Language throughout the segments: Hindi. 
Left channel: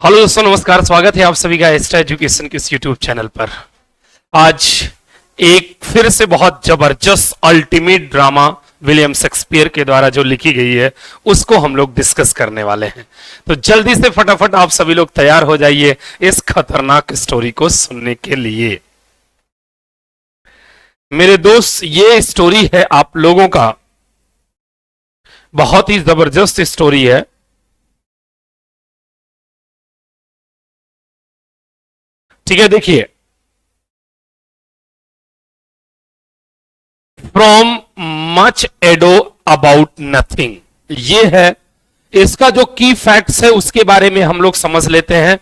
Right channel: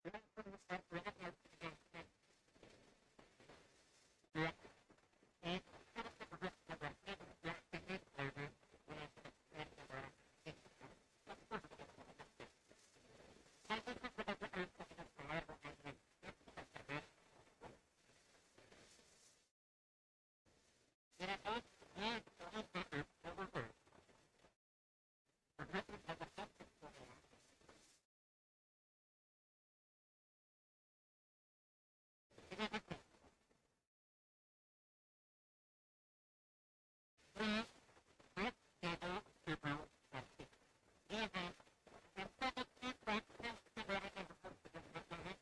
हेलो दोस्तों, नमस्कार। स्वागत है आप सभी का एक्स्ट्रा एजुकेशन के इस यूट्यूब चैनल पर। आज एक फिर से बहुत जबरदस्त अल्टीमेट ड्रामा विलियम शेक्सपियर के द्वारा जो लिखी गई है उसको हम लोग डिस्कस करने वाले हैं। तो जल्दी से फटाफट आप सभी लोग तैयार हो जाइए इस खतरनाक स्टोरी को सुनने के लिए। मेरे दोस्त, ये स्टोरी है आप लोगों का, बहुत ही जबरदस्त स्टोरी है। ठीक है, देखिए, from much ado about nothing, ये है इसका जो की फैक्ट्स है उसके बारे में हम लोग समझ लेते हैं।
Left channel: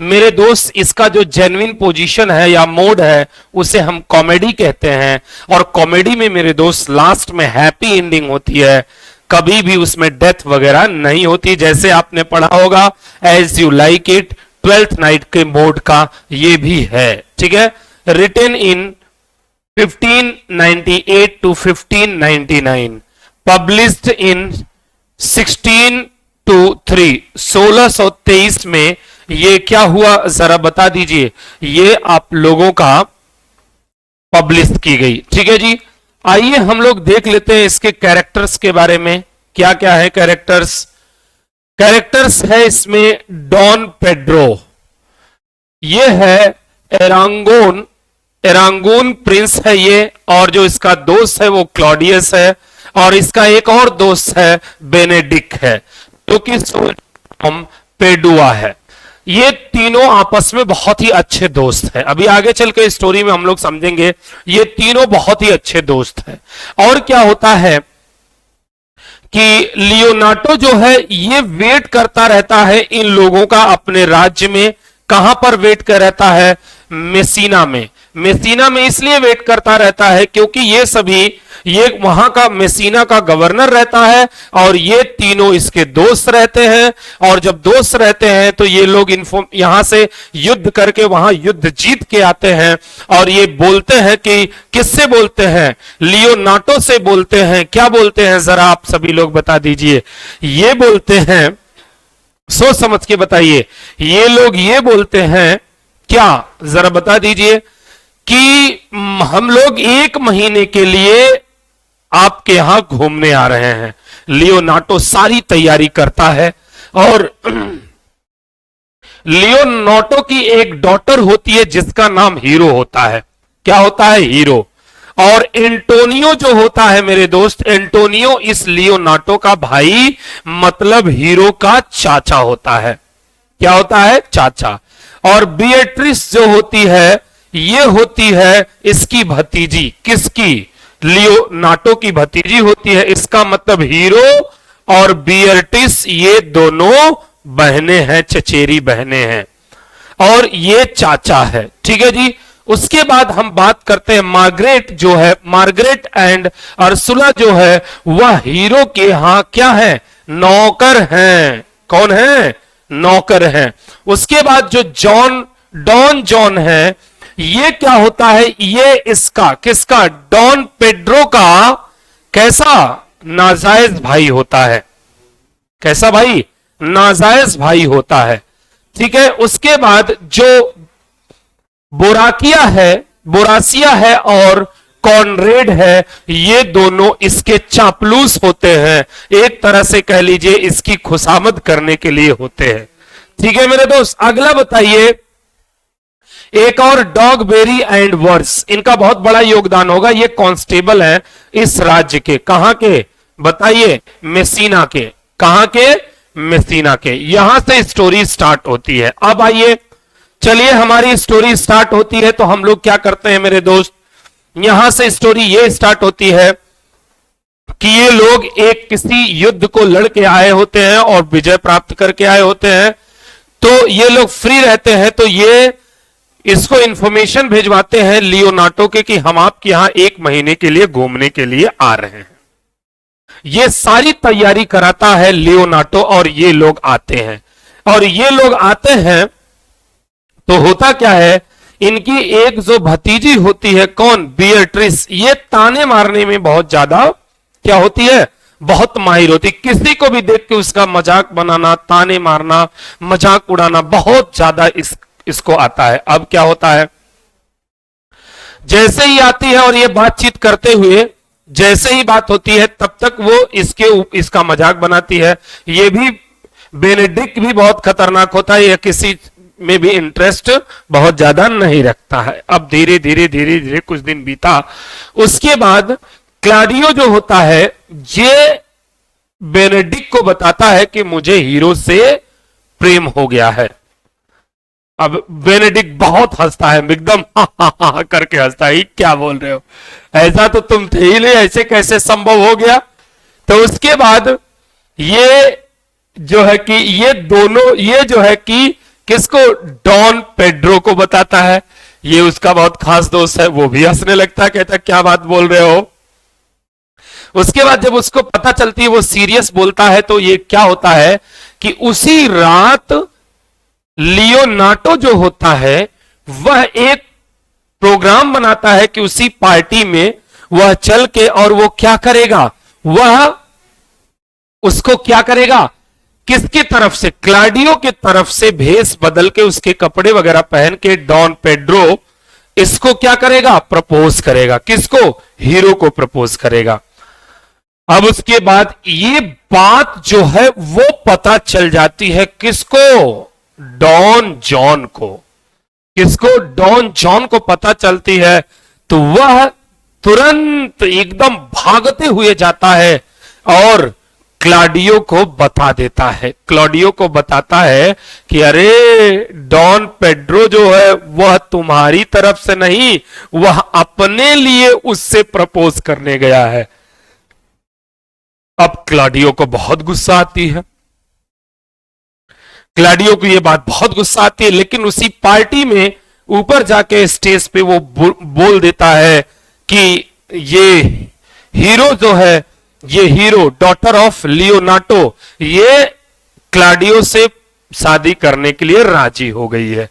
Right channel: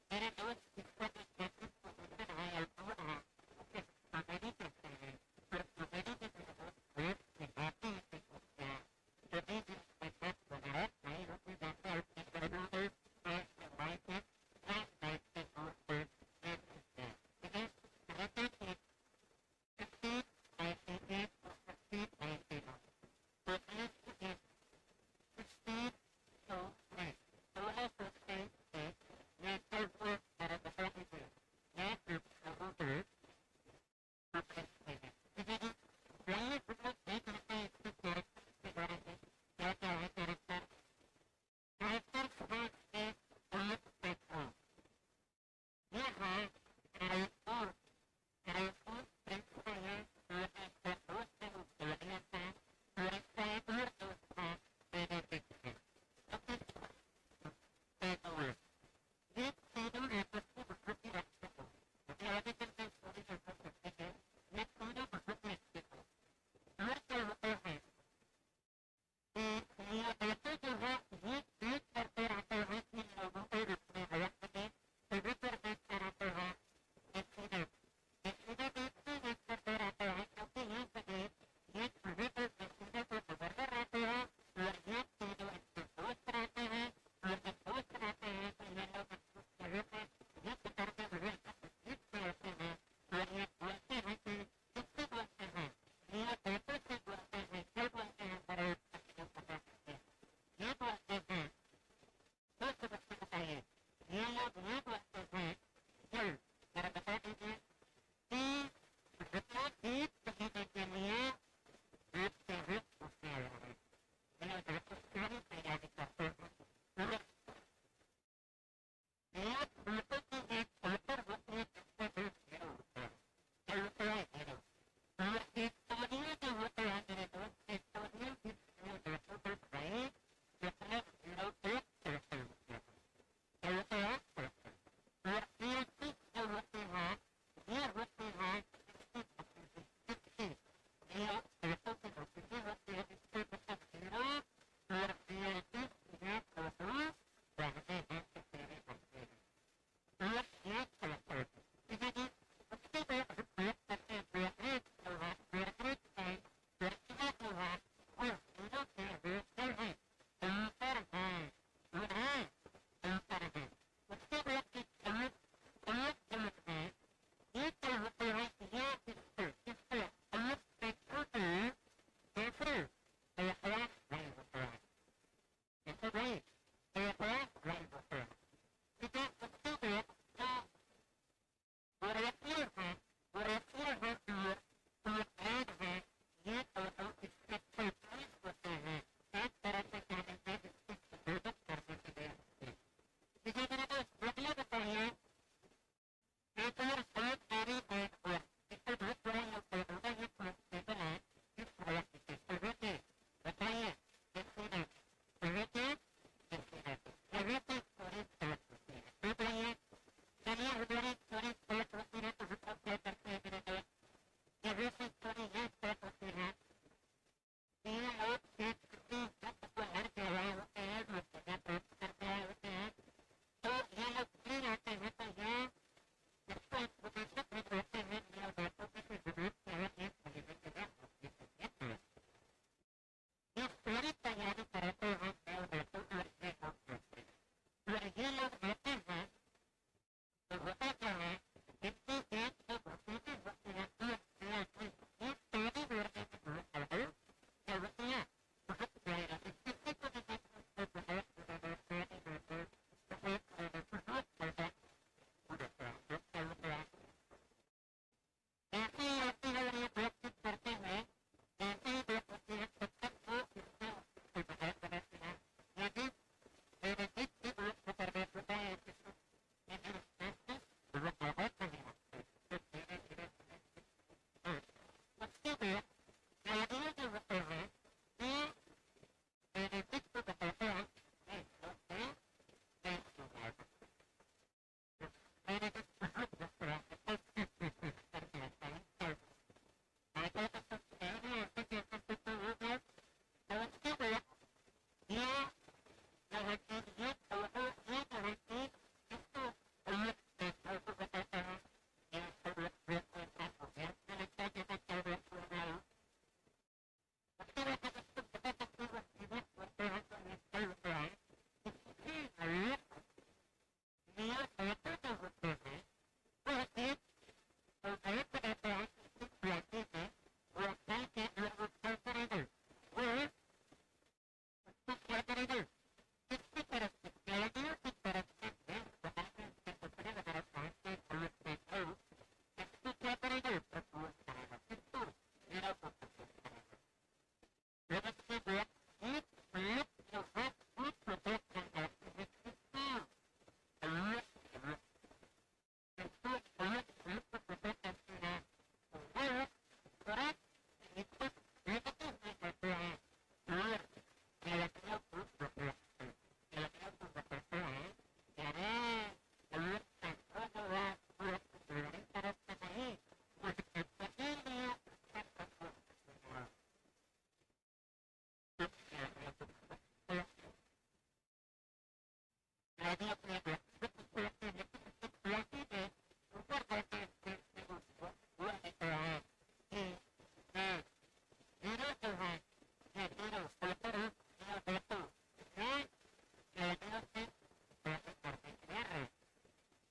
मेरे दोस्त, इसका जो जेन्युइन पोजीशन है या मोड है उसे हम कॉमेडी कहते हैं। और कॉमेडी में मेरे दोस्त लास्ट में हैप्पी एंडिंग होती है, कभी भी उसमें डेथ वगैरह नहीं होती, जैसे आपने पढ़ा होगा as you like it, twelfth night के मोड का ये भी है। ठीक है, written in 1598 to 1599, published in 16 to 3, 1623 में ये क्या हुआ जरा बता दीजिए। ये आप लोगों का पब्लिश की गई। ठीक है जी, आइए हम लोग देख लेते हैं इसके कैरेक्टर्स के बारे में। क्या क्या है कैरेक्टर्स? कैरेक्टर्स है इसमें डॉन पेड्रो, ये है एरांगोन, एरांगून प्रिंस है ये, और जो इसका दोस्त है वो क्लॉडियस है, और इसका एक और दोस्त है बेनेडिक्ट है, जो कि पेडुआ है। ये तीनों आपस में बहुत ही अच्छे दोस्त हैं। अभी आगे चल के स्टोरी में हम लोग समझेंगे ये तीनों बहुत ही अच्छे दोस्त हैं। और क्या होता है कि लियोनार्डो जो है ये वेट करता रहता है इन लोगों का अपने राज्य में। कहां पर वेट कर रहता है? मेसिना में। मेसिना में इसलिए वेट करता रहता है क्योंकि ये सभी, ये वहां का मेसिना का गवर्नर रहता है और ये तीनों इसके दोस्त रहते हैं। और जब दोस्त रहते हैं तो ये लोग यहां से युद्ध करके वहां युद्ध जीत के आते हैं। और ये बोलते हैं कि किससे बोलते हैं? लियोनार्डो से बोलते हैं। क्या बोलते हैं जरा आप सभी लोग बता दीजिए। ये बोलते हैं, सोच समझ के बताइए, ये लोग ये बोलते हैं क्या, जरा बता दीजिए, कि हम लोग 1 महीने के लिए आपके यहां घूमने आ रहे हैं। लियोनार्डो सारी तैयारी करता है और लियोनार्डो की एक डॉटर होती है जिसका नाम हीरो होता है। क्या होता है? हीरो। और एंटोनियो जो होता है मेरे दोस्त, एंटोनियो इस लियोनार्डो का भाई, मतलब हीरो का चाचा होता है। क्या होता है? चाचा। और बिएट्रिस जो होती है ये होती है इसकी भतीजी। किसकी? लियोनार्डो की भतीजी होती है। इसका मतलब हीरो और बिएट्रिस ये दोनों बहनें हैं, चचेरी बहनें हैं, और ये चाचा है। ठीक है जी। उसके बाद हम बात करते हैं मार्गरेट जो है, मार्गरेट एंड अर्सुला जो है वह हीरो के यहां क्या है? नौकर हैं। कौन है? नौकर हैं। उसके बाद जो डॉन जॉन है, ये क्या होता है? ये इसका, किसका? डॉन पेड्रो का कैसा? नाजायज भाई होता है। कैसा भाई? नाजायज भाई होता है। ठीक है। उसके बाद जो बोरासिया है और कॉनरेड है, ये दोनों इसके चापलूस होते हैं। एक तरह से कह लीजिए इसकी खुशामद करने के लिए होते हैं। ठीक है मेरे दोस्त। अगला बताइए, एक और डॉगबेरी एंड वर्स, इनका बहुत बड़ा योगदान होगा। ये कांस्टेबल है इस राज्य के। कहां के बताइए? मेसिना के। कहां के? मेसिना के। यहां से स्टोरी स्टार्ट होती है। अब आइए, चलिए, हमारी स्टोरी स्टार्ट होती है तो हम लोग क्या करते हैं मेरे दोस्त, यहां से स्टोरी ये स्टार्ट होती है कि ये लोग एक किसी युद्ध को लड़के आए होते हैं और विजय प्राप्त करके आए होते हैं। तो ये लोग फ्री रहते हैं तो ये इसको इंफॉर्मेशन भेजवाते हैं लियोनार्डो के कि हम आपके यहां 1 महीने के लिए घूमने के लिए आ रहे हैं। ये सारी तैयारी कराता है लियोनार्डो और ये लोग आते हैं। और ये लोग आते हैं तो होता क्या है, इनकी एक जो भतीजी होती है, कौन? बिएट्रिस, ये ताने मारने में बहुत ज्यादा क्या होती है? बहुत माहिर होती, किसी को भी देख के उसका मजाक बनाना, ताने मारना, मजाक उड़ाना बहुत ज्यादा इसको आता है। अब क्या होता है, जैसे ही आती है और ये बातचीत करते हुए जैसे ही बात होती है तब तक वो इसका मजाक बनाती है। ये भी बेनेडिक्ट भी बहुत खतरनाक होता है, यह किसी में भी इंटरेस्ट बहुत ज्यादा नहीं रखता है। अब धीरे धीरे धीरे धीरे कुछ दिन बीता, उसके बाद क्लाडियो जो होता है ये बेनेडिक्ट को बताता है कि मुझे हीरो से प्रेम हो गया है। अब बेनेडिक्ट बहुत हंसता है, एकदम हा हा हा करके हंसता है, क्या बोल रहे हो, ऐसा तो तुम थे ही नहीं, ऐसे कैसे संभव हो गया। तो उसके बाद ये जो है कि ये दोनों, ये जो है कि किसको, डॉन पेड्रो को बताता है, ये उसका बहुत खास दोस्त है, वो भी हंसने लगता है, कहता है क्या बात बोल रहे हो। उसके बाद जब उसको पता चलती है वो सीरियस बोलता है, तो ये क्या होता है कि उसी रात लियोनार्डो जो होता है वह एक प्रोग्राम बनाता है कि उसी पार्टी में वह चल के और वो क्या करेगा, वह उसको क्या करेगा, किसकी तरफ से, क्लाडियो की तरफ से भेष बदल के उसके कपड़े वगैरह पहन के डॉन पेड्रो इसको क्या करेगा, प्रपोज करेगा। किसको, हीरो को प्रपोज करेगा। अब उसके बाद ये बात जो है वो पता चल जाती है किसको, डॉन जॉन को। किसको, डॉन जॉन को पता चलती है तो वह तुरंत एकदम भागते हुए जाता है और क्लाडियो को बता देता है, क्लाडियो को बताता है कि अरे डॉन पेड्रो जो है वह तुम्हारी तरफ से नहीं, वह अपने लिए उससे प्रपोज करने गया है। अब क्लाडियो को बहुत गुस्सा आती है, क्लाडियो को यह बात बहुत गुस्सा आती है, लेकिन उसी पार्टी में ऊपर जाके स्टेज पे वो बोल देता है कि ये हीरो जो है, ये हीरो डॉटर ऑफ लियोनार्डो, ये क्लाडियो से शादी करने के लिए राजी हो गई है।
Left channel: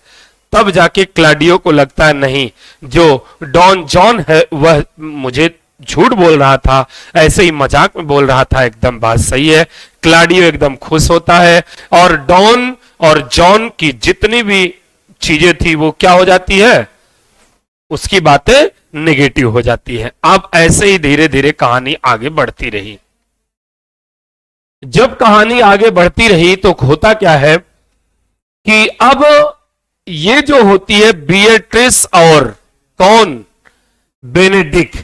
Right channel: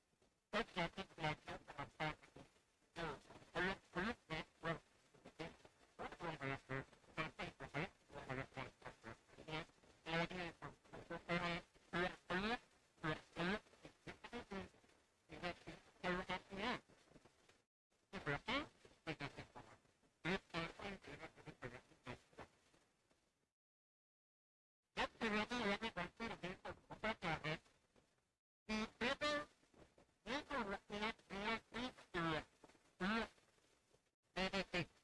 तब जाके क्लाडियो को लगता है नहीं, जो डॉन जॉन है वह मुझे झूठ बोल रहा था, ऐसे ही मजाक में बोल रहा था, एकदम बात सही है। क्लाडियो एकदम खुश होता है और डॉन और जॉन की जितनी भी चीजें थी वो क्या हो जाती है, उसकी बातें नेगेटिव हो जाती है। अब ऐसे ही धीरे धीरे कहानी आगे बढ़ती रही। जब कहानी आगे बढ़ती रही तो होता क्या है कि अब ये जो होती है बिएट्रिस और कौन, बेनेडिक्ट,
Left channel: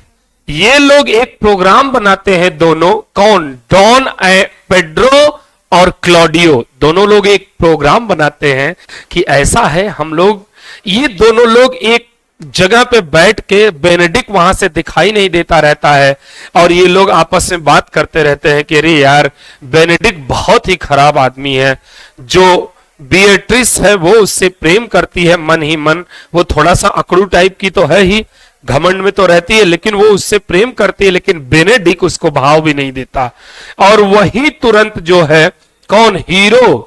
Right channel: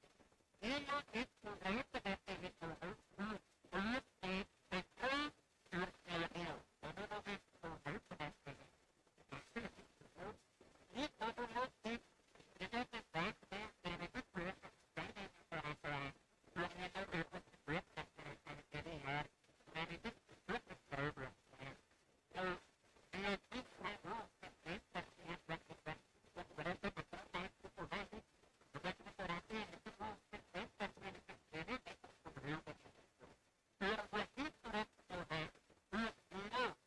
ये लोग एक प्रोग्राम बनाते हैं दोनों, कौन, डॉन पेड्रो और क्लॉडियो, दोनों लोग एक प्रोग्राम बनाते हैं कि ऐसा है हम लोग, ये दोनों लोग एक जगह पे बैठ के, बेनेडिक्ट वहां से दिखाई नहीं देता रहता है और ये लोग आपस में बात करते रहते हैं कि अरे यार बेनेडिक्ट बहुत ही खराब आदमी है, जो बिएट्रिस है वो उससे प्रेम करती है मन ही मन, वो थोड़ा सा अकड़ू टाइप की तो है ही, घमंड में तो रहती है, लेकिन वो उससे प्रेम करती है, लेकिन बेनेडिक्ट उसको भाव भी नहीं देता। और वही तुरंत जो है कौन, हीरो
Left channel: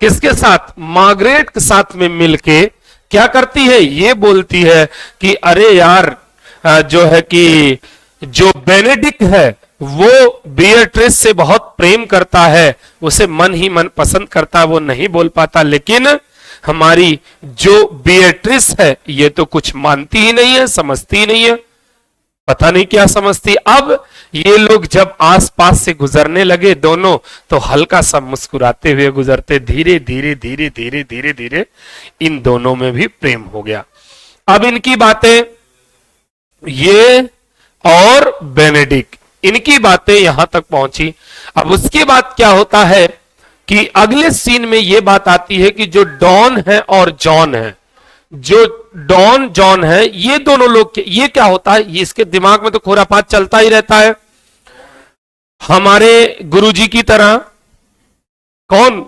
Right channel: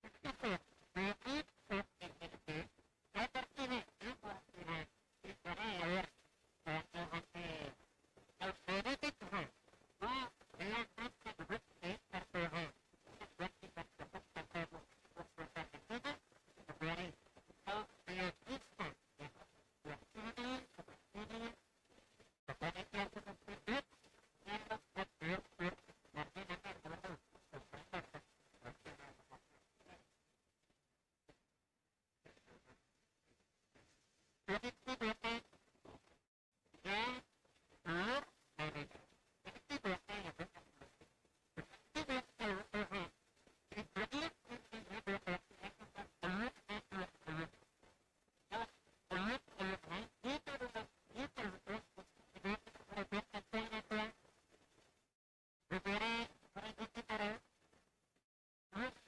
किसके साथ, मार्गरेट के साथ में मिलके क्या करती है, ये बोलती है कि अरे यार जो है कि जो बेनेडिक्ट है वो बिएट्रिस से बहुत प्रेम करता है, उसे मन ही मन पसंद करता है, वो नहीं बोल पाता, लेकिन हमारी जो बिएट्रिस है ये तो कुछ मानती ही नहीं है, समझती ही नहीं है, पता नहीं क्या समझती। अब ये लोग जब आसपास से गुजरने लगे दोनों, तो हल्का सा मुस्कुराते हुए गुजरते, धीरे धीरे धीरे धीरे धीरे धीरे इन दोनों में भी प्रेम हो गया। अब इनकी बातें, ये और बेनेडिक्ट, इनकी बातें यहां तक पहुंची। अब उसके बाद क्या होता है कि अगले सीन में यह बात आती है कि जो डॉन है और जॉन है, जो डॉन जॉन है, ये दोनों लोग, ये क्या होता है, ये इसके दिमाग में तो खुरापात चलता ही रहता है, हमारे गुरुजी की तरह। कौन,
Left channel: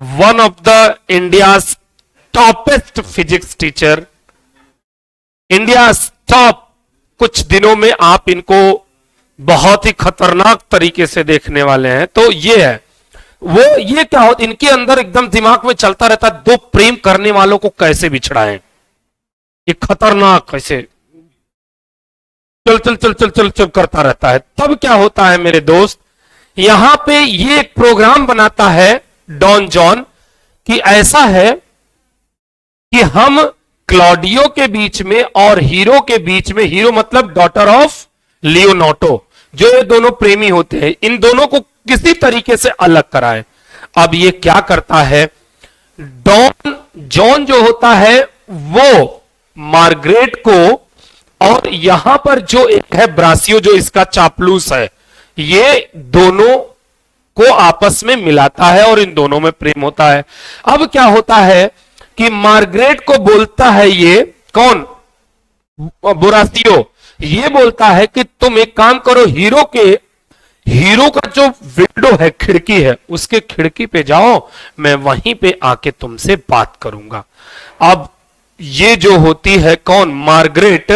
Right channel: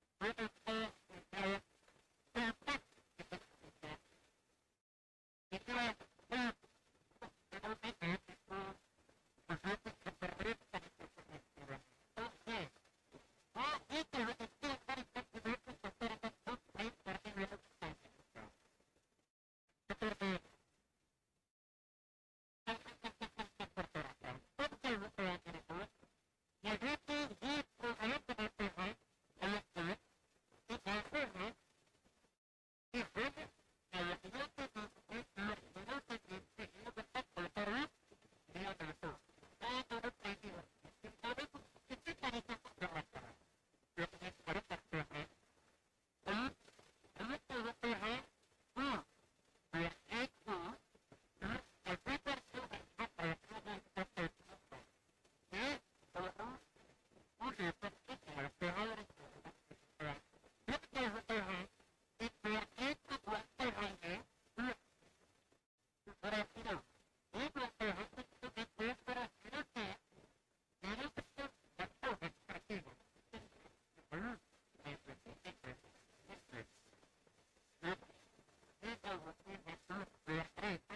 one of the India toppest physics teacher, India top. कुछ दिनों में आप इनको बहुत ही खतरनाक तरीके से देखने वाले हैं। तो ये है वो, ये क्या होता, इनके अंदर एकदम दिमाग में चलता रहता, दो प्रेम करने वालों को कैसे बिछड़ाएं, ये खतरनाक कैसे, चल चल चल चल चल चल करता रहता है। तब क्या होता है मेरे दोस्त, यहां पे ये एक प्रोग्राम बनाता है डॉन जॉन कि ऐसा है कि हम क्लॉडियो के बीच में और हीरो के बीच में, हीरो मतलब डॉटर ऑफ लियोनार्डो, जो ये दोनों प्रेमी होते हैं, इन दोनों को किसी तरीके से अलग कराए। अब ये क्या करता है, डॉन जॉन जो होता है वो मार्गरेट को, और यहां पर जो एक है ब्रासियो जो इसका चापलूस है, ये दोनों को आपस में मिलाता है और इन दोनों में प्रेम होता है। अब क्या होता है कि मार्गरेट को बोलता है, ये कौन, बुरासियो, ये बोलता है कि तुम एक काम करो, हीरो का जो विंडो है, खिड़की है, उसके खिड़की पे जाओ, मैं वहीं पे आके तुमसे बात करूंगा। अब ये जो होती है कौन, मार्गरेट,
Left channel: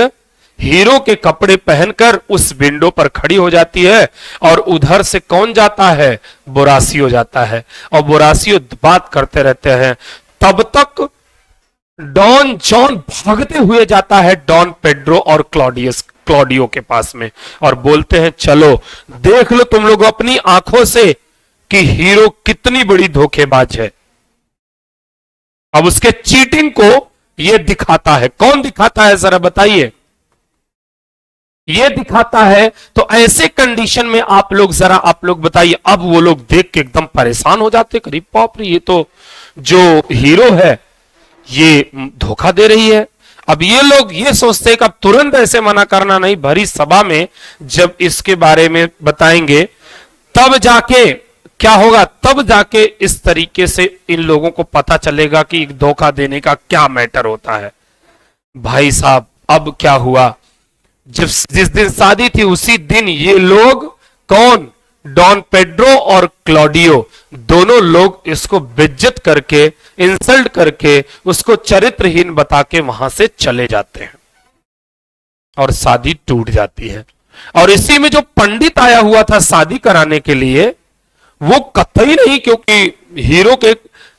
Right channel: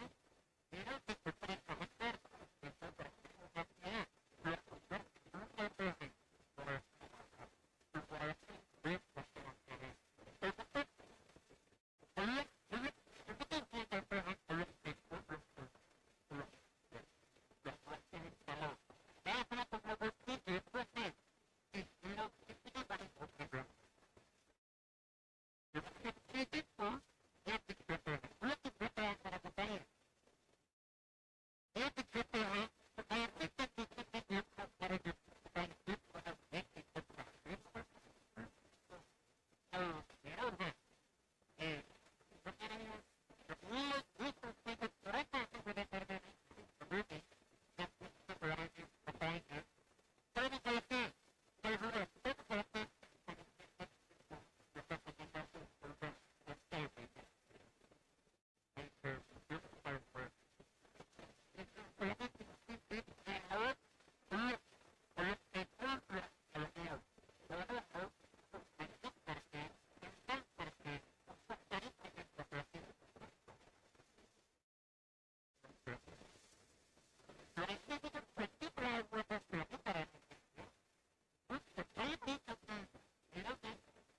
हीरो के कपड़े पहनकर उस विंडो पर खड़ी हो जाती है, और उधर से कौन जाता है, बोरासियो जाता है, और बोरासियो बात करते रहते हैं। तब तक डॉन जॉन भागते हुए जाता है डॉन पेड्रो और क्लॉडियो के पास में, और बोलते हैं चलो देख लो तुम लोग अपनी आंखों से कि हीरो कितनी बड़ी धोखेबाज है। अब उसके चीटिंग को यह दिखाता है। कौन दिखाता है जरा बताइए, ये दिखाता है। तो ऐसे कंडीशन में आप लोग बताइए, अब वो लोग देख के एकदम परेशान हो जाते, करीब बाप रे, ये तो जो हीरो है ये धोखा दे रही है। अब ये लोग ये सोचते हैं कि अब तुरंत ऐसे मना करना नहीं, भरी सभा में जब इसके बारे में बताएंगे तब जाके क्या होगा, तब जाके इस तरीके से इन लोगों को पता चलेगा कि धोखा देने का क्या मैटर होता है। भाई साहब अब क्या हुआ, जिस दिन शादी थी उसी दिन ये लोग, कौन, डॉन पेड्रो और क्लॉडियो, दोनों लोग इसको बेइज्जत करके, इंसल्ट करके, उसको चरित्रहीन बता के वहां से चले जाते हैं और शादी टूट जाती है। और इसी में जो पंडित आया हुआ था शादी कराने के लिए, वो कतई नहीं, क्योंकि हीरो के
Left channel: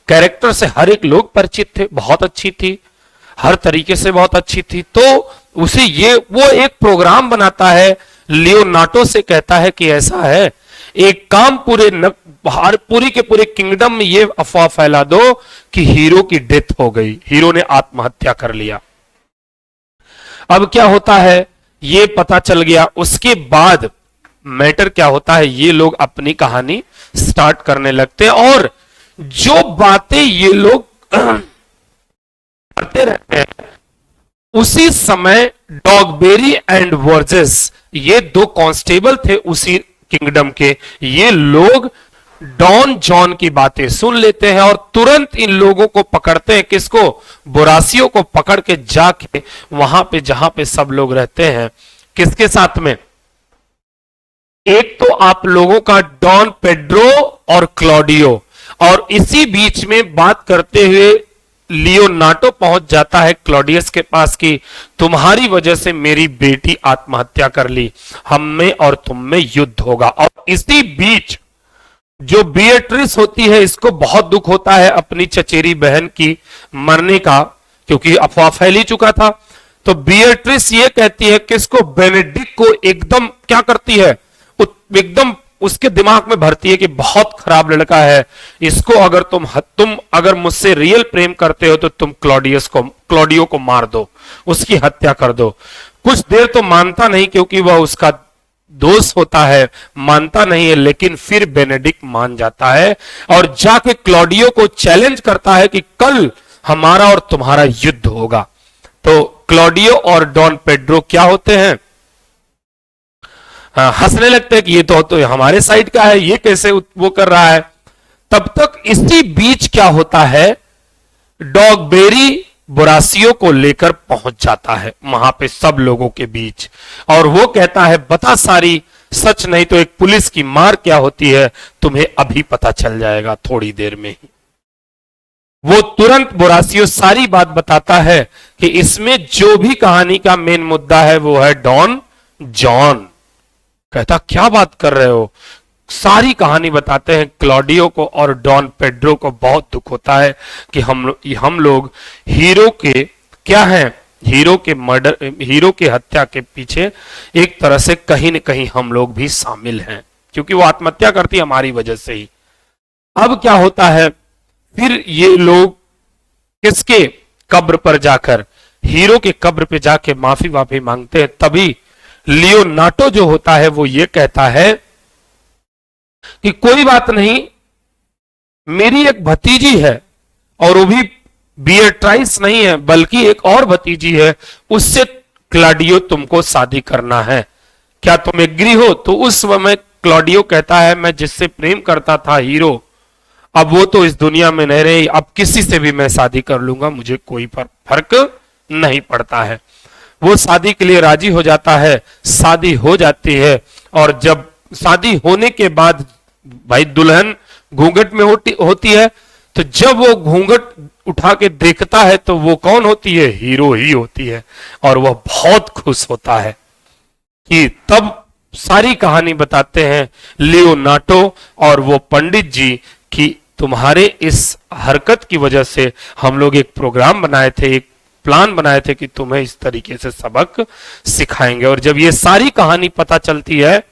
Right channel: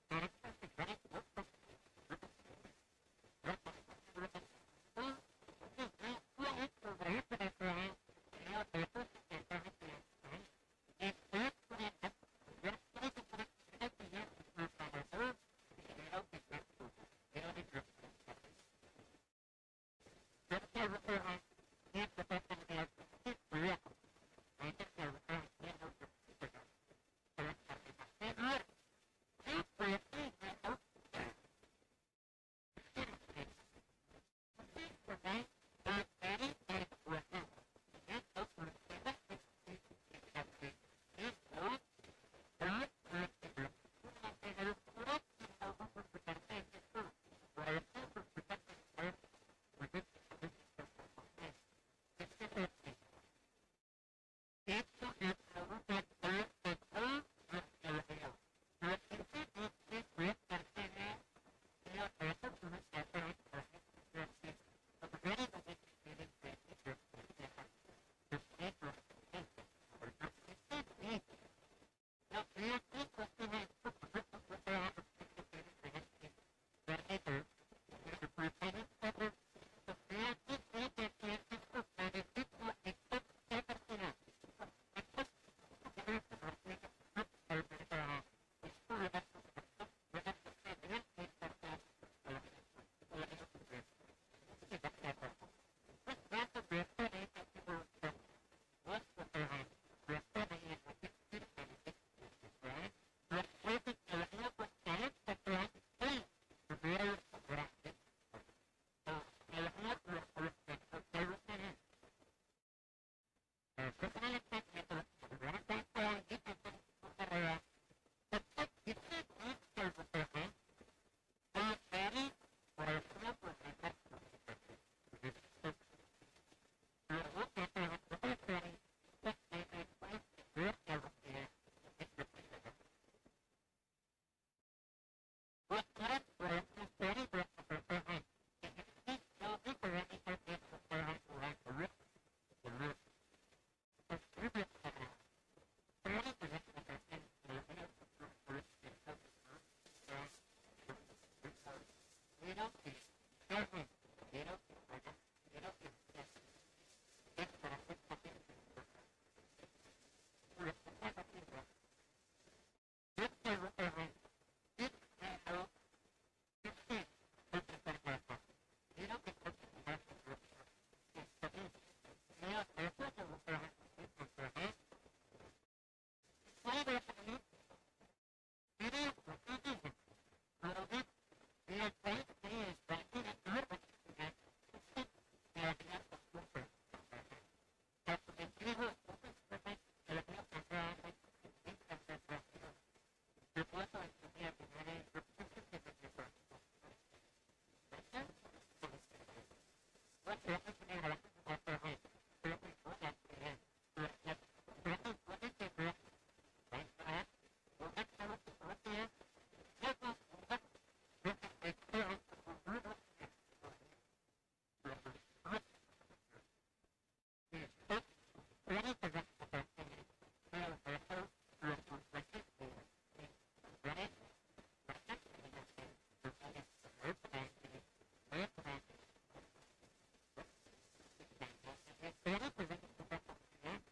कैरेक्टर से हर एक लोग परिचित थे, बहुत अच्छी थी, हर तरीके से बहुत अच्छी थी, तो उसे वो एक प्रोग्राम बनाता है, लियोनार्डो से कहता है कि ऐसा है, एक काम पूरी के पूरे किंगडम में ये अफवाह फैला दो कि हीरो की डेथ हो गई, हीरो ने आत्महत्या कर लिया। अब क्या होता है, ये पता चल गया। उसके बाद मैटर क्या होता है, ये लोग अपनी कहानी स्टार्ट करने लगते हैं, और जो बातें ये लोग करते रहते हैं, उसी समय डॉगबेरी एंड वर्जेस, ये दो कांस्टेबल थे उसी किंगडम के, ये लोग डॉन जॉन की बातें सुन लेते हैं और तुरंत इन लोगों को पकड़ते हैं। किसको, बोरासियो को पकड़ के जाके वहां पे जहां पे सब लोग रहते हैं, किसके साथ में, एक तो आप लोगों का डॉन पेड्रो और क्लॉडियो, और इसी बीच में बात करते हुए लियोनार्डो पहुंच जाता है क्लॉडियस के पास कि तुम्हारी वजह से मेरी बेटी आत्महत्या कर ली, हम में और तुम में युद्ध होगा। और इसी बीच जो बिएट्रिस होती है, इसको बहुत दुख होता है अपनी चचेरी बहन की मरने का, क्योंकि अफवाह फैल ही चुका था। तो बिएट्रिस ये कहती है कि इसको, बेनेडिक्ट को एकदम क्या करती है, एकदम उसके दिमाग में भरती है कि बहुत खराब लड़का है, इसको अगर तुम अगर मुझसे रियल प्रेम करते हो तो तुम क्लॉडियो को मार दो, उसकी हत्या कर दो। कुछ देर तो मानता नहीं, क्योंकि वह उसका दोस्त होता है, मानता नहीं है, लेकिन फिर बेनेडिक्ट मान जाता है और जाके क्लॉडियो को चैलेंज करता है कि कल हमारा और तुम्हारा युद्ध होगा। तो क्लॉडियो और डॉन पेड्रो क्या होते हैं, हंसने लगते हैं कि ये तो हमारे साइड का है, ये कैसे वो कर रहा है। तब तक इसी बीच क्या होता है, डॉगबेरी बोरासियो को लेकर पहुंच जाता है वहां पे सब लोगों के बीच, और वो कहता है बता सारी सच, नहीं तो एक पुलिस की मार क्या होती है तुम्हें अभी पता चल जाएगा थोड़ी देर में ही। वो तुरंत बोरासियो सारी बात बताता है कि इसमें जो भी कहानी का मेन मुद्दा है वो है डॉन जॉन। कहता क्या बात कर रहे हो, सारी कहानी बताते हैं। क्लॉडियो को और डॉन पेड्रो को बहुत दुख होता है कि हम लोग हीरो के क्या हैं, हीरो के मर्डर, हीरो की हत्या के पीछे एक तरह से कहीं न कहीं हम लोग भी शामिल हैं, क्योंकि वो आत्महत्या करती है हमारी वजह से ही। अब क्या होता है, फिर ये लोग किसके कब्र पर जाकर, हीरो के कब्र पे जाके माफी वाफी मांगते हैं। तभी लियोनार्डो जो होता है वो ये कहता है कि कोई बात नहीं, मेरी एक भतीजी है, और वो भी बियट्राइस नहीं है बल्कि एक और भतीजी है, उससे क्लॉडियो तुमको शादी करना है, क्या तुम एग्री हो? तो उस समय क्लॉडियो कहता है मैं जिससे प्रेम करता था हीरो, अब वो तो इस दुनिया में नहीं रही, अब किसी से भी मैं शादी कर लूंगा, मुझे कोई फर्क नहीं पड़ता है। वो शादी के लिए राजी हो जाता है, शादी हो जाती है, और जब शादी होने के बाद भाई दुल्हन घूंघट में होती है, तो जब वो घूंघट उठा के देखता है तो वो कौन होती है? हीरो ही होती है, और वह बहुत खुश होता है। कि तब सारी कहानी बताते हैं लियोनार्डो और वो पंडित जी कि तुम्हारे इस हरकत की वजह से हम लोग एक प्रोग्राम बनाए थे, एक प्लान बनाए थे कि तुम्हें इस तरीके से सबक सिखाएंगे। और जब ये सारी कहानी पता चलती है,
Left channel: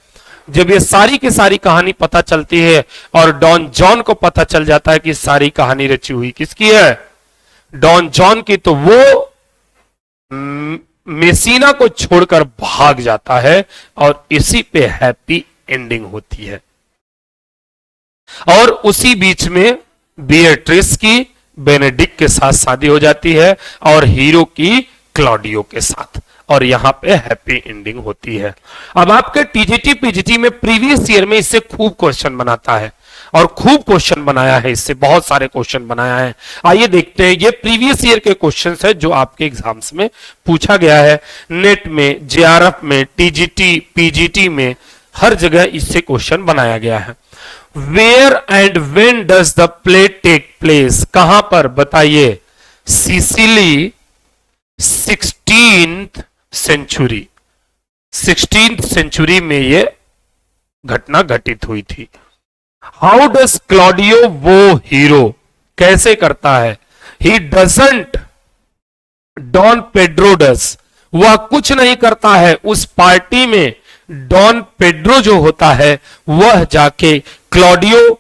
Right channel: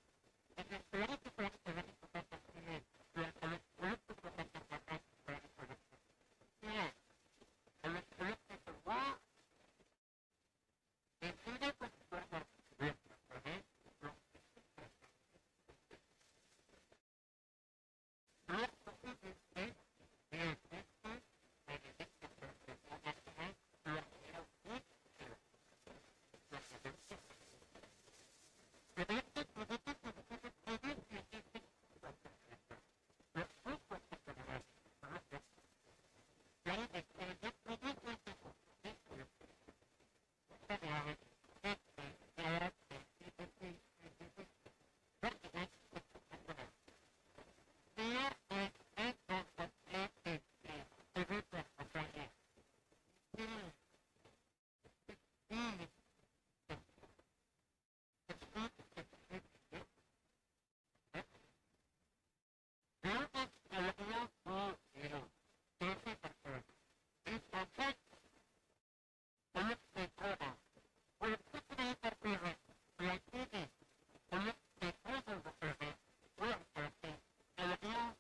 जब ये सारी की सारी कहानी पता चलती है और डॉन जॉन को पता चल जाता है कि सारी कहानी रची हुई किसकी है? डॉन जॉन की, तो वो मेसिना को छोड़कर भाग जाता है, और इसी पे हैप्पी एंडिंग होती है। और उसी बीच में बिएट्रिस की बेनेडिक्ट के साथ शादी हो जाती है, और हीरो की क्लॉडियो के साथ, और यहां पे हैप्पी एंडिंग होती है। अब आपके टीजीटी पीजीटी में प्रीवियस ईयर में इससे खूब क्वेश्चन बनाता है, और खूब क्वेश्चन बनाया है, इससे बहुत सारे क्वेश्चन बनाया है। आइए देखते हैं, ये प्रीवियस ईयर के क्वेश्चन है जो आपके एग्जाम्स में पूछा गया है, नेट में, जेआरएफ में, टीजीटी पीजीटी में, हर जगह इससे क्वेश्चन बनाया गया है। Where and when does the play take place? कहां पर बताइए? Sicily, 16th century, 16th century में ये घटना घटित हुई थी। How does Claudio woo Hero? कैसे करता है? He doesn't, Don Pedro does, वह कुछ नहीं करता है। उस पार्टी में डॉन पेड्रो जो होता है वह जाके क्लॉडियो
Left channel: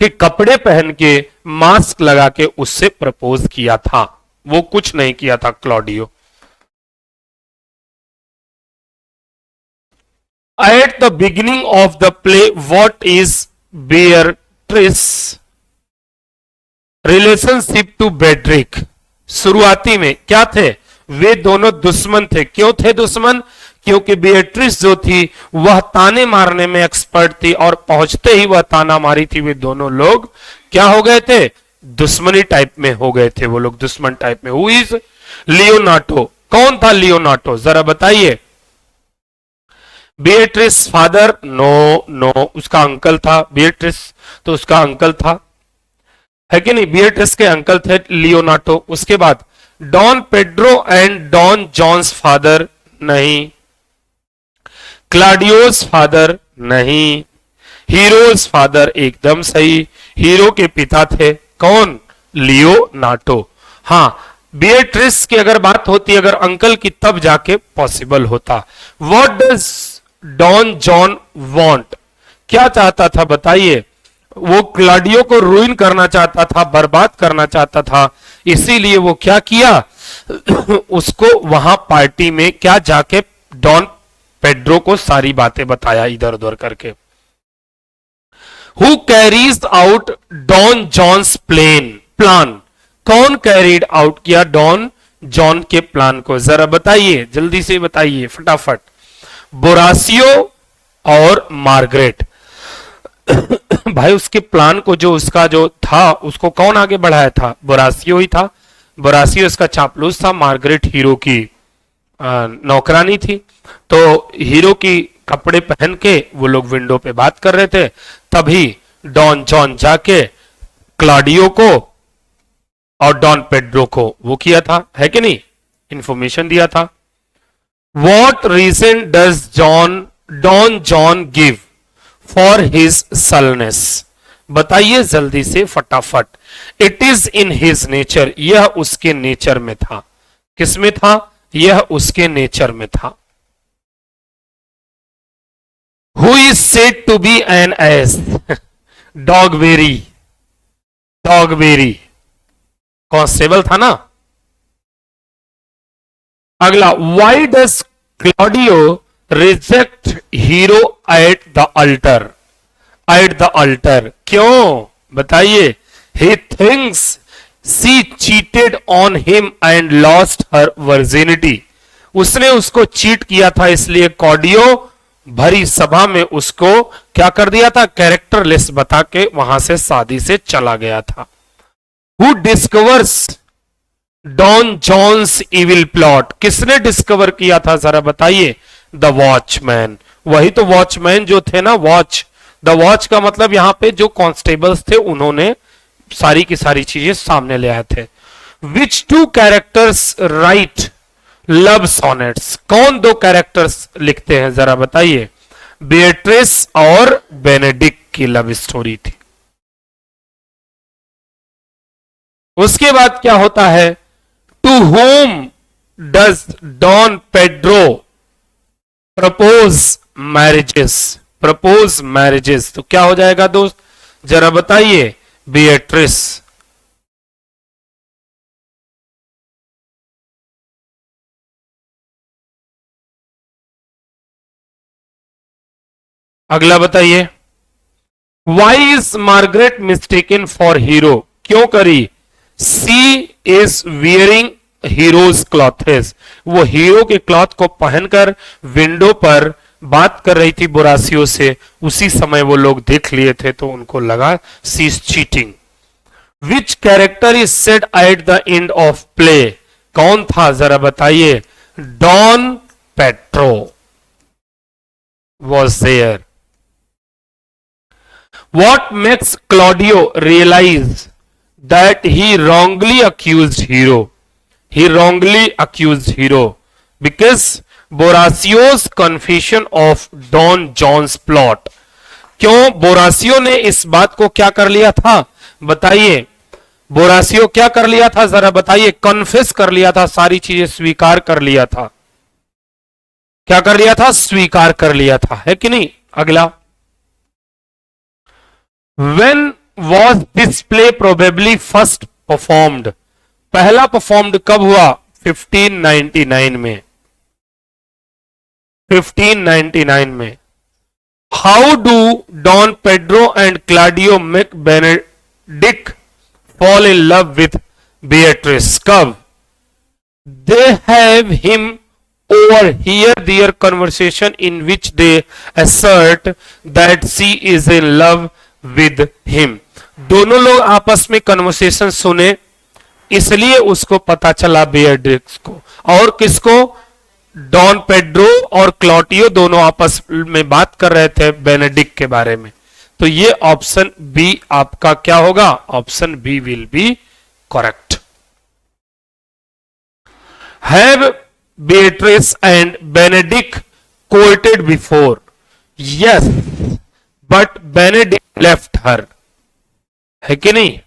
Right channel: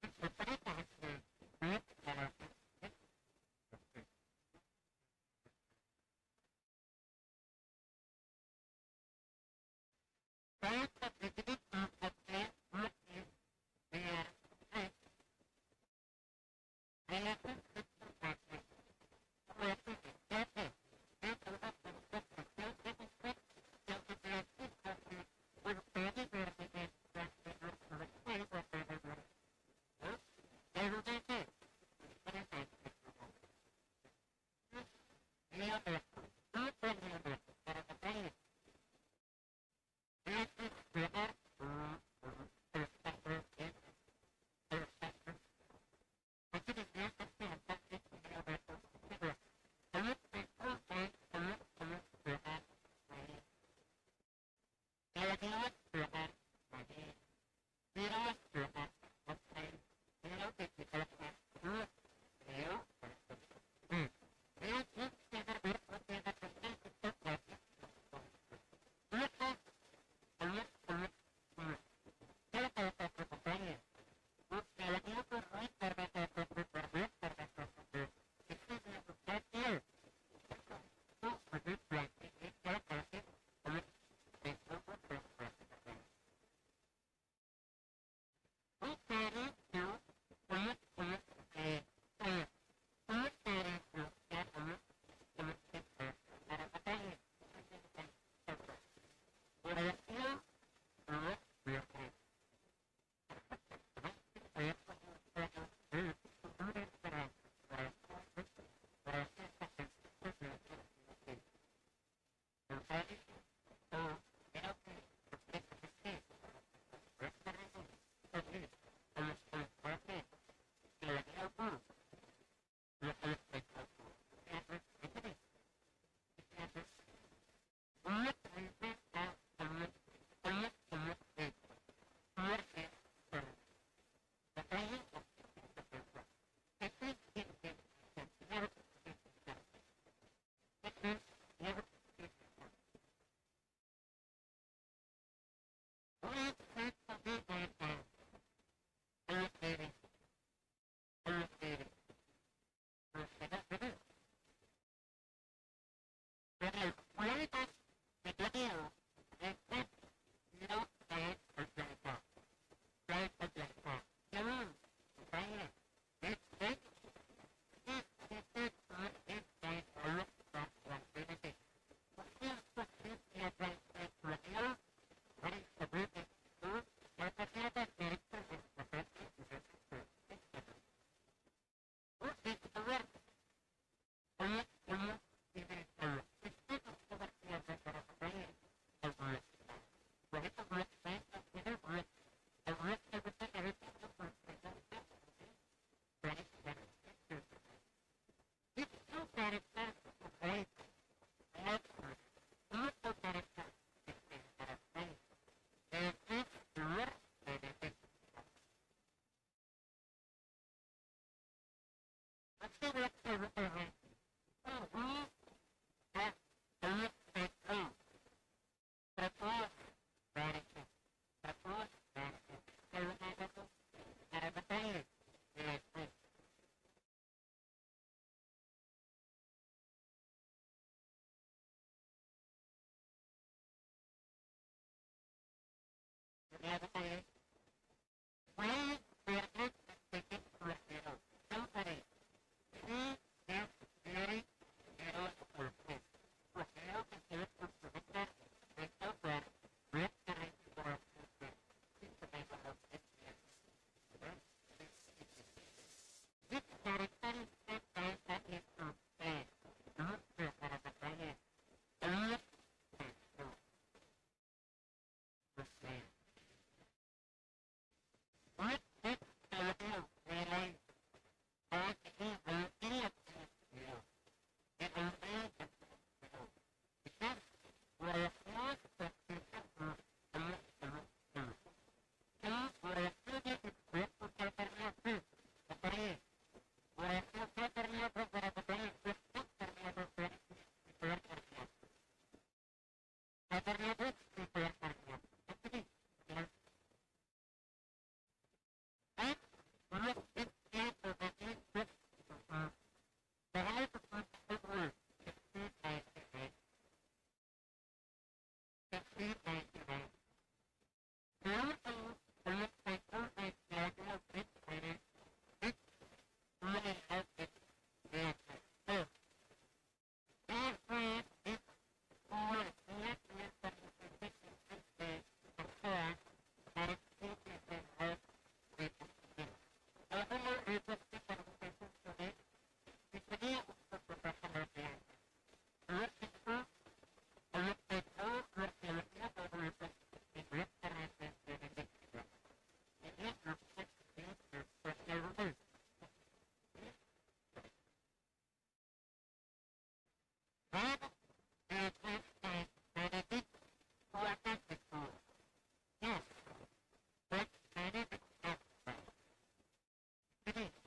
के कपड़े पहन के, मास्क लगा के उससे प्रपोज किया था, वो कुछ नहीं किया था Claudio. At the beginning of the play, what is Beatrice relationship to Bedrick? शुरुआती में क्या थे? वे दोनों दुश्मन थे। क्यों थे दुश्मन? क्योंकि बिएट्रिस जो थी वह ताने मारने में एक्सपर्ट थी, और पहुंचते ही वह ताना मारी थी, वे दोनों लोग क्या हो गए थे? दुश्मनी टाइप में हो गए थे वो लोग, दुश्मन टाइप में। Who is Leonardo? कौन था लियोनार्डो, जरा बताइए? Beatrice father? नो नो, उसका अंकल था। बिएट्रिस तो उसका अंकल था, है कि नहीं? बिएट्रिस के अंकल थे लियोनार्डो। उसके बाद Don Pedro and Don John's father? नहीं। Claudio's father? नहीं। Hero's father? एकदम सही, हीरो के पिता थे कौन? लियोनार्डो। हां, बिएट्रिस की अगर बात होती, अगर अंकल की, तब जाके पॉसिबल होता। What does Don John want? क्या चाहता था बताइए? वो क्लॉडियो को रूइन करना चाहता था, बर्बाद करना चाहता था, इसीलिए वो क्या किया? उसको वहां पार्टी में क्या जाके डॉन पेड्रो को सारी बातें बताया इधर उधर करके। Who carries out Don John's plan? कौन कैरीड आउट किया डॉन जॉन के प्लान को? जरा बताइए, जल्दी से बताइए फटाफट। बोरासियो और मार्गरेट। भाई उसके प्लान को, जो उसका जो था, उसको कौन आगे बढ़ाया था? बोरासियो ही था। बोरासियो इसका चापलूस था, मार्गरेट हीरो की नौकरानी थी। तो हीरो की कपड़े पहन के वो लोग विंडो पे बात कर रहे थे, तभी डॉन जॉन जाके क्लॉडियो को और डॉन पेड्रो को वो किया था, है कि नहीं? इंफॉर्मेशन दिया था। What reason does Don John give for his sullenness? बताइए जल्दी से फटाफट। It is in his nature, यह उसके नेचर में था। किसमें था? यह उसके नेचर में था। Who is said to be an ass? Dogberry, Dogberry constable था ना। अगला, why does Claudio reject Hero at the altar? At the altar क्यों बताइए? He thinks she cheated on him and lost her virginity. उसने उसको चीट किया था, इसलिए क्लॉडियो भरी सभा में उसको क्या कर दिया था? कैरेक्टरलेस बता के वहां से शादी से चला गया था। Who discovers Don John's evil plot? किसने डिस्कवर किया था जरा बताइए? The watchman. वही तो वॉचमैन जो थे ना, वॉच, द वॉच का मतलब यहां पे जो कांस्टेबल्स थे उन्होंने सारी की सारी चीजें सामने ले आए थे। Which two characters write love sonnets? कौन दो कैरेक्टर्स लिखते हैं जरा बताइए? बेट्रिस और बेनेडिक्ट की लव स्टोरी थी। उसके बाद क्या होता है? To whom does Don Pedro propose marriages? Propose marriages तो क्या हो जाएगा दोस्त जरा बताइए? बेट्रिस। अगला बताइए, why is Margaret mistaken for Hero? क्यों करी? She is wearing Hero's clothes. वो हीरो के क्लॉथ को पहनकर विंडो पर बात कर रही थी बोरासियो से। उसी समय वो लोग देख लिए थे तो उनको लगा she is cheating. Which character is said at the end of play? कौन था जरा बताइए? Don Pedro was there. What makes Claudio realize that he wrongly accused Hero? He wrongly accused Hero because Boracio's confession of Don John's plot. क्यों बोरासियो ने इस बात को क्या कर लिया था बताइए? बोरासियो क्या कर लिया था जरा बताइए? कन्फेस कर लिया था, सारी चीजें स्वीकार कर लिया था। क्या कर लिया था? स्वीकार कर लिया था, है कि नहीं? अगला, When was this play probably first performed? पहला परफॉर्म्ड कब हुआ? 1599 में। 1599 में। How do Don Pedro and Claudio make Benedict fall in love with Beatrice? कब? They have him overhear their conversation in which they assert that she is in love with him. दोनों लोग आपस में कन्वर्सेशन सुने, इसलिए उसको पता चला बेatrix को। और किसको? डॉन पेड्रो और क्लॉटियो दोनों आपस में बात कर रहे थे बेनेडिक्ट के बारे में। तो ये ऑप्शन बी आपका क्या होगा? Option B will be correct. Have Beatrice and Benedict courted before? Yes, but Benedict left her, है कि नहीं?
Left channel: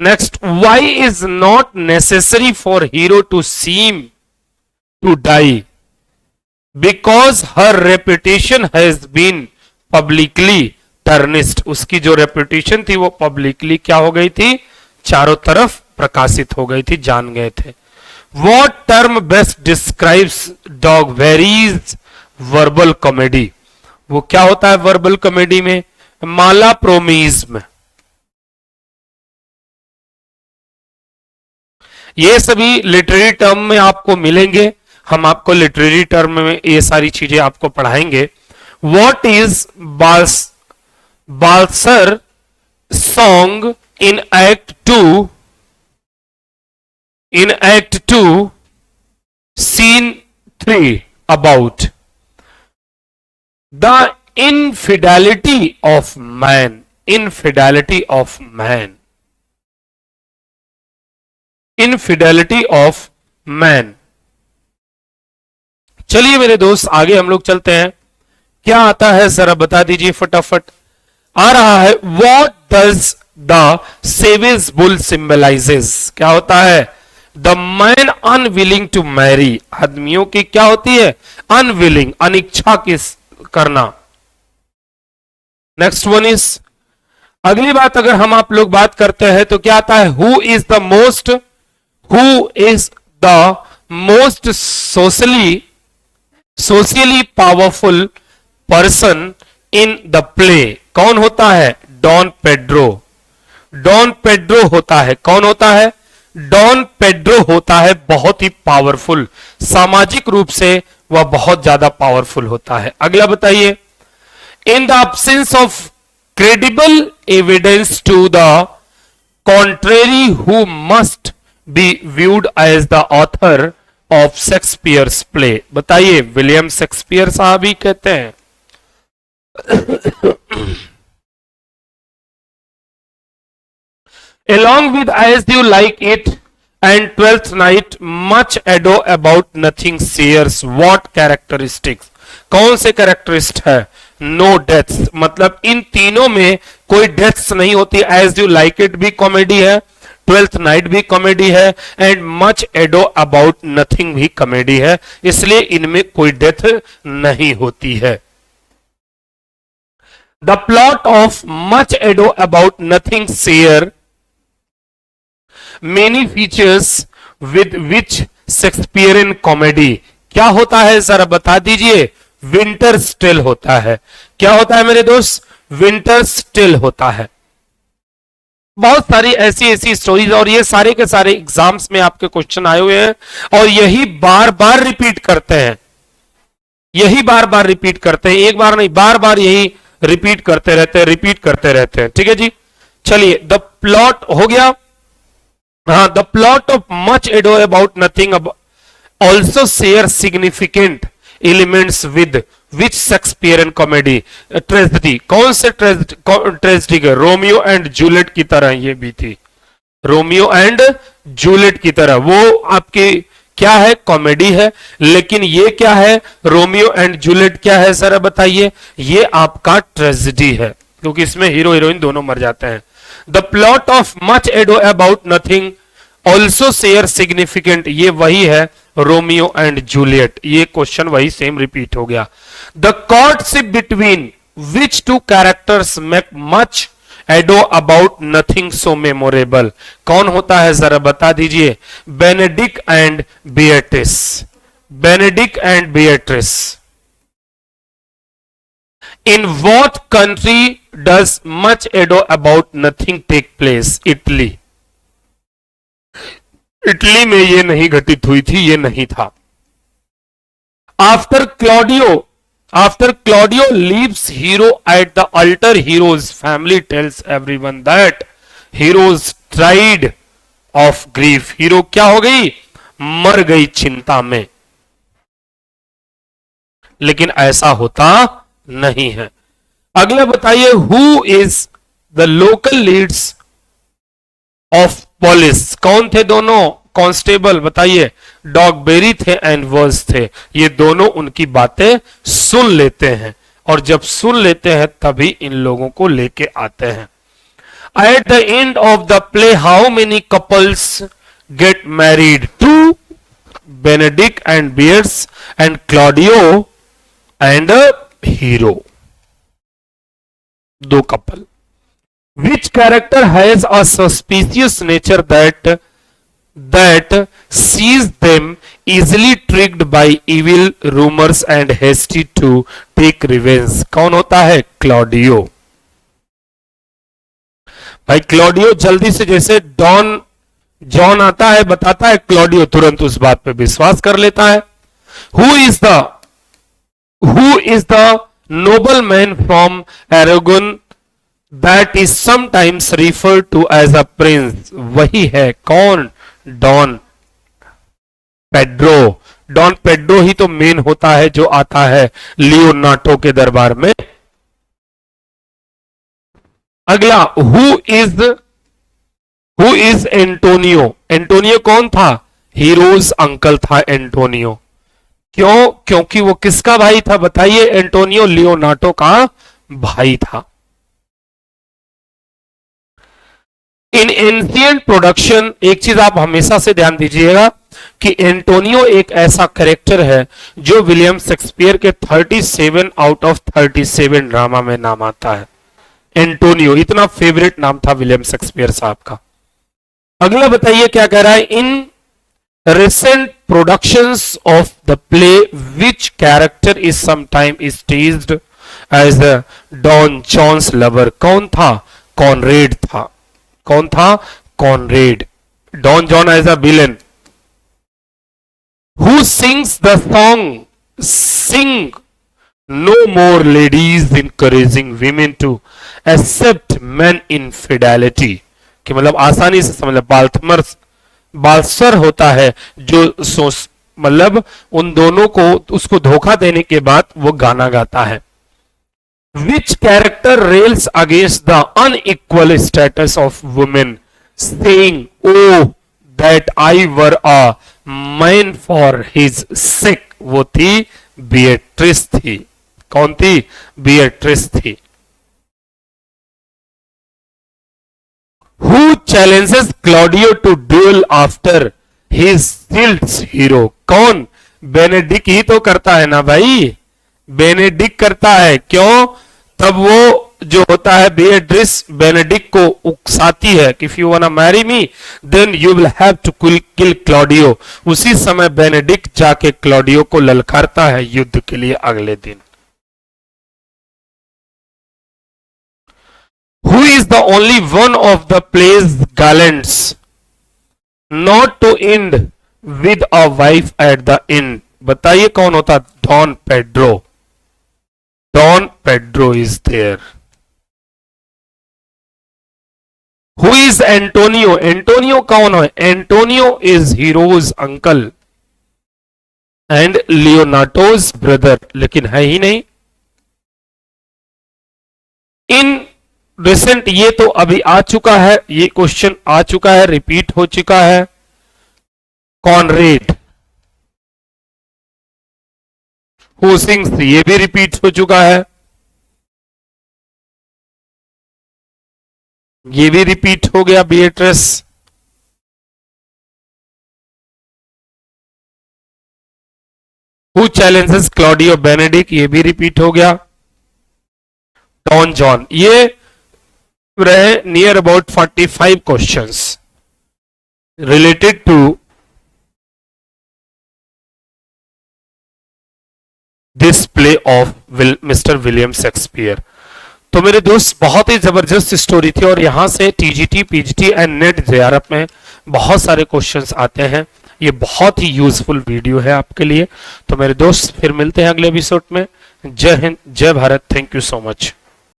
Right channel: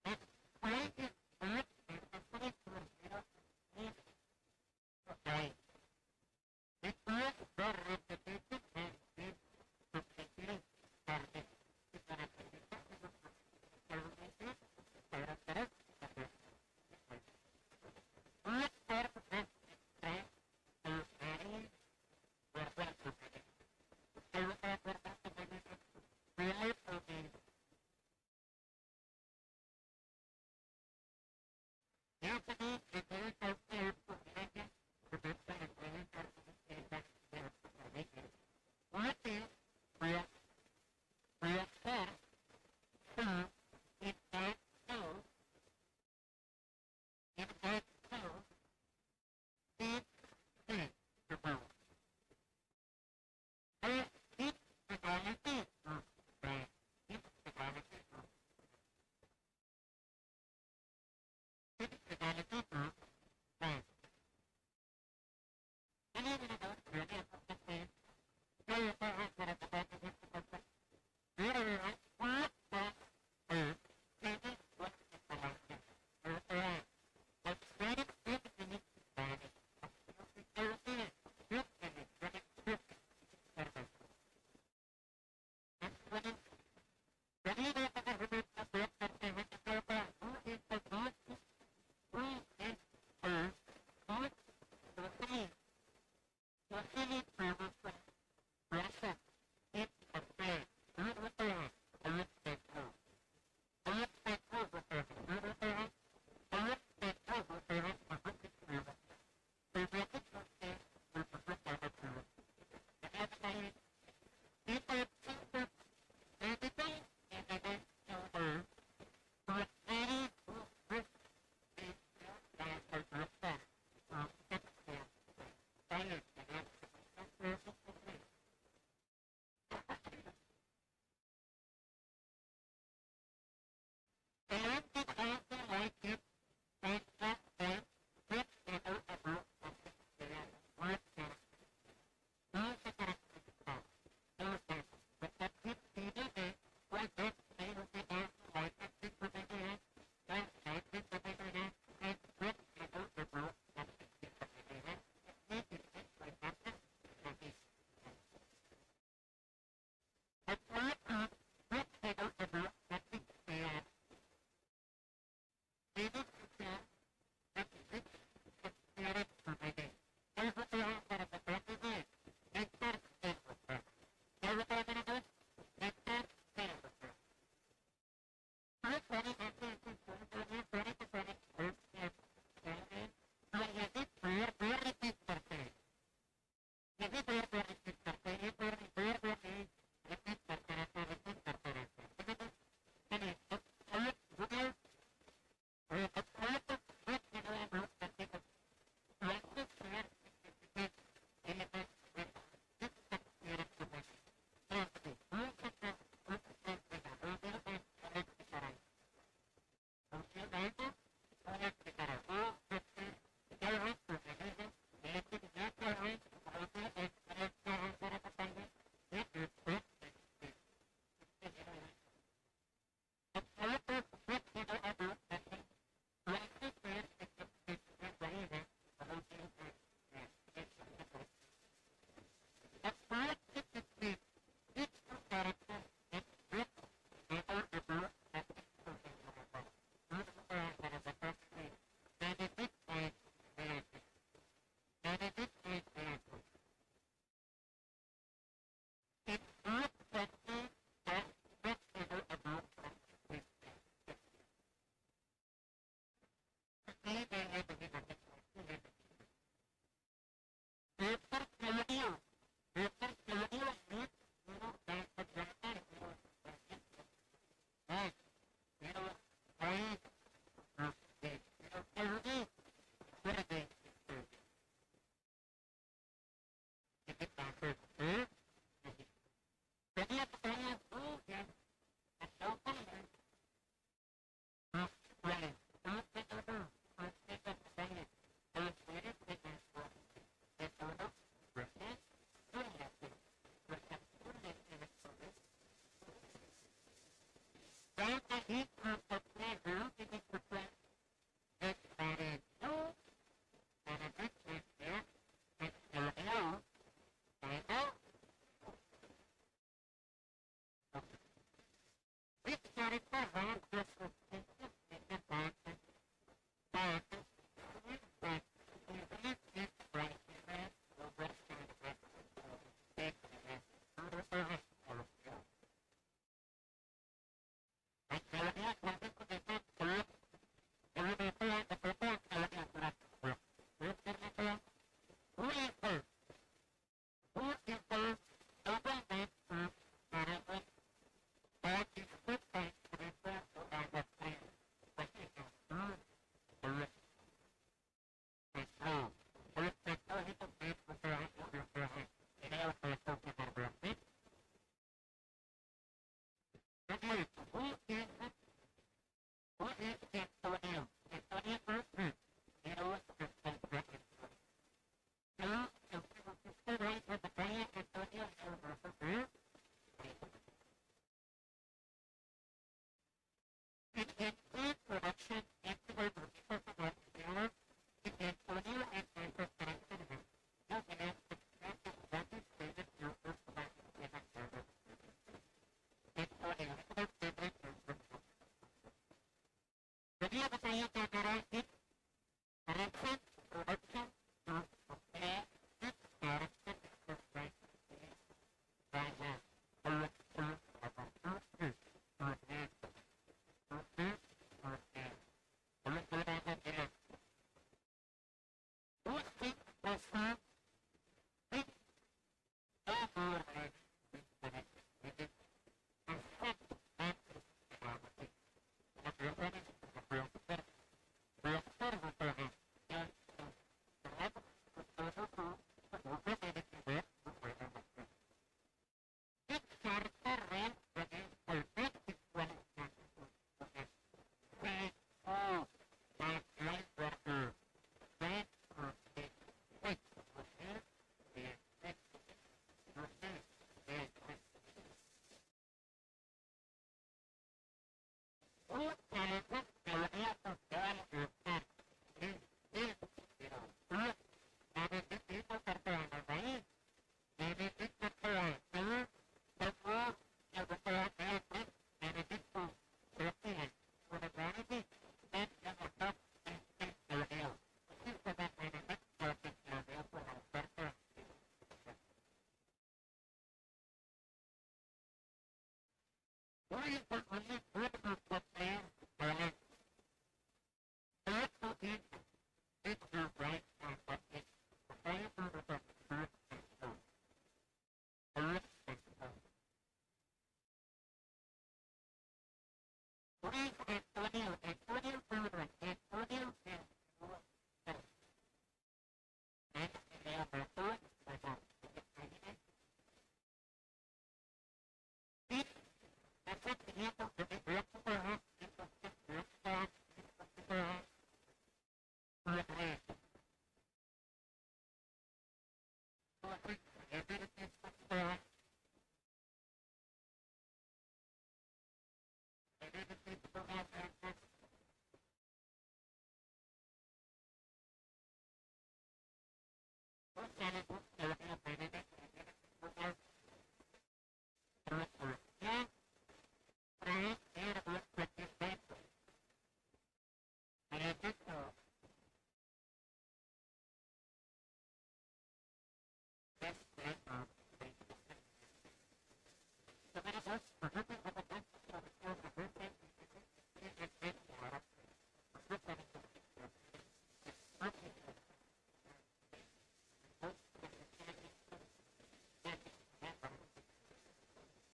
Next, why is not necessary for Hero to seem to die? Because her reputation has been publicly tarnished. उसकी जो रेपुटेशन थी वो पब्लिकली क्या हो गई थी? चारों तरफ प्रकाशित हो गई थी, जान गए थे। What term best describes Dogberry's verbal comedy? वो क्या होता है वर्बल कॉमेडी में? मालाप्रोमिज्म। ये सभी लिटरेरी टर्म में आपको मिलेंगे, हम आपको लिटरेरी टर्म में ये सारी चीजें आपको पढ़ाएंगे। What is Balthasar's song in act 2? In act 2 scene 3 about? The infidelity of man. Infidelity of man. Infidelity of man. चलिए मेरे दोस्त आगे हम लोग चलते हैं। क्या आता है जरा बता दीजिए फटाफट। आ रहा है, What does the savage bull symbolises, क्या होता है? The man unwilling to marry, आदमियों की क्या होती है? अनविलिंग, अनिच्छा किस करना। नेक्स्ट वन इज, अगली बात अगर हम आप लोग बात करते हैं तो क्या आता है? Who is the most socially powerful person in the play, कौन होता है? Don Pedro. डॉन पेड्रो होता है, कौन होता है? डॉन पेड्रो होता है बहुत ही पावरफुल, सामाजिक रूप से वह बहुत ज्यादा पावरफुल होता है। अगला बताइए, in the absence of credible evidence to the contrary, who must be viewed as the author of Shakespeare's play? बताइए, विलियम शेक्सपियर साहब ही कहते हैं। Along with As You Like It and Twelfth Night, Much Ado About Nothing shares what characteristics? कौन से कैरेक्टरिस्ट है? नो डेथ्स, मतलब इन तीनों में कोई डेथ्स नहीं होती। एज यू लाइक इट भी कॉमेडी है, ट्वेल्थ नाइट भी कॉमेडी है, and much ado about nothing भी कॉमेडी है, इसलिए इनमें कोई डेथ नहीं होती है। The plot of much ado about nothing share many features with which Shakespearean comedy, क्या होता है जरा बता दीजिए? विंटर्स टेल होता है। क्या होता है मेरे दोस्त? विंटर्स टेल होता है। बहुत सारी ऐसी ऐसी स्टोरीज, और ये सारे के सारे एग्जाम्स में आपके क्वेश्चन आए हुए हैं, और यही बार बार रिपीट करते हैं, यही बार बार रिपीट करते हैं, एक बार नहीं बार बार यही रिपीट करते रहते हैं, रिपीट करते रहते हैं। ठीक है जी, चलिए, द प्लॉट हो गया। हाँ, the plot of much ado about nothing also share significant elements with which Shakespearean comedy? Tragedy, कौन से ट्रेजेडी के? रोमियो एंड जूलियट की तरह ये भी थी, रोमियो एंड जूलियट की तरह। वो आपकी क्या है? कॉमेडी है, लेकिन ये क्या है? रोमियो एंड जूलियट क्या है जरा बताइए? ये आपका ट्रेजेडी है, क्योंकि इसमें हीरो हीरोइन दोनों मर जाते हैं। The plot of much ado about nothing also share significant, ये वही है रोमियो एंड जूलियट, ये क्वेश्चन वही सेम रिपीट हो गया। The courtship between which two characters make much ado about nothing so memorable, कौन होता है जरा बता दीजिए? Benedict and Beatrice, Benedict and Beatrice. In what country does much ado about nothing take place? Italy. Italy में ये नहीं घटित हुई थी, ये नहीं था। After Claudio leaves Hero at the altar, Hero's family tells everyone that Hero's ट्राइड ऑफ ग्रीफ, हीरो क्या हो गई? मर गई चिंता में। लेकिन ऐसा होता नहीं है। अगला बताइए, who is the local Leeds of police, कौन थे दोनों कांस्टेबल? बताइए, डॉगबेरी थे एंड वर्स थे। ये दोनों उनकी बातें सुन लेते हैं, और जब सुन लेते हैं तभी इन लोगों को लेके आते हैं। At the end of the play how many couples get married? Two, Benedick and Beatrice and Claudio and Hero, दो couple. Which character has a suspicious nature that sees them easily tricked by evil rumors and hasty to take revenge? कौन होता है? क्लॉडियो। भाई क्लॉडियो जल्दी से, जैसे जॉन आता है बताता है, क्लॉडियो तुरंत उस बात पे विश्वास कर लेता है। Who is the nobleman from Aragon that is sometimes referred to as a prince? वही है कौन? Don Pedro. डॉन पेड्रो ही तो मेन होता है जो आता है लियोनार्डो के दरबार में। अगला, हु इज एंटोनियो? एंटोनियो कौन था? हीरोज अंकल था एंटोनियो। क्यों? क्योंकि वो किसका भाई था बताइए? एंटोनियो लियोनार्डो का भाई था। इन एंशियंट प्रोडक्शन, एक चीज आप हमेशा से ध्यान दीजिएगा कि एंटोनियो एक ऐसा कैरेक्टर है जो विलियम शेक्सपियर के 37 आउट ऑफ 37 ड्रामा में नाम आता है। एंटोनियो इतना फेवरेट नाम था विलियम शेक्सपियर साहब का। अगला बताइए क्या कह रहा है, इन recent productions of the play which character is sometimes staged as a Don John's lover? कौन था? कॉनरेड था। कौन था? Conrade. Don John as a villain. Who sings the song Sing No More Ladies, encouraging women to accept men infidelity? कि मतलब आसानी से समझ, बाल्सर होता है जो मतलब उन दोनों को उसको धोखा देने के बाद वो गाना गाता है। Which character rails against the unequal status of women saying oh that I were a man for his sake? वो थी बिएट्रिस थी। कौन थी? बिएट्रिस थी। Who challenges Claudio to duel after his Silts hero? कौन? बेनेडिक्ट ही तो करता है ना भाई, बेनेडिक्ट करता है। क्यों? तब वो जो होता है बेट्रिस बेनेडिक्ट को उकसाती है कि if you wanna marry me then you will have to kill Claudio। उसी समय बेनेडिक्ट जाके क्लॉडियो को ललकारता है युद्ध के लिए अगले दिन। Who is the only one of the play's gallants not to end with a wife at the end? बताइए कौन होता? Don Pedro. Don Pedro is there. Who is Antonio? Antonio कौन है? Antonio is hero's uncle and Leonato's brother, लेकिन है ही नहीं। इन रिसेंट, ये तो अभी आ चुका है, ये क्वेश्चन आ चुका है, रिपीट हो चुका है। कॉनरेड हु सिंग्स, ये भी रिपीट हो चुका है, ये भी रिपीट हो गया। Beatrice. Who challenges Claudio Benedick, ये भी रिपीट हो गया। डॉन जॉन, ये रहे near about 45 questions related to this play of mister William Shakespeare. तो मेरे दोस्त बहुत ही जबरदस्त स्टोरी थी और यहां से TGT, PGT and net JRF में बहुत सारे क्वेश्चंस आते हैं। ये बहुत ही यूजफुल वीडियो है आपके लिए। तो मेरे दोस्त फिर मिलते हैं अगले एपिसोड में। जय हिंद, जय Bharat. Thank you so much.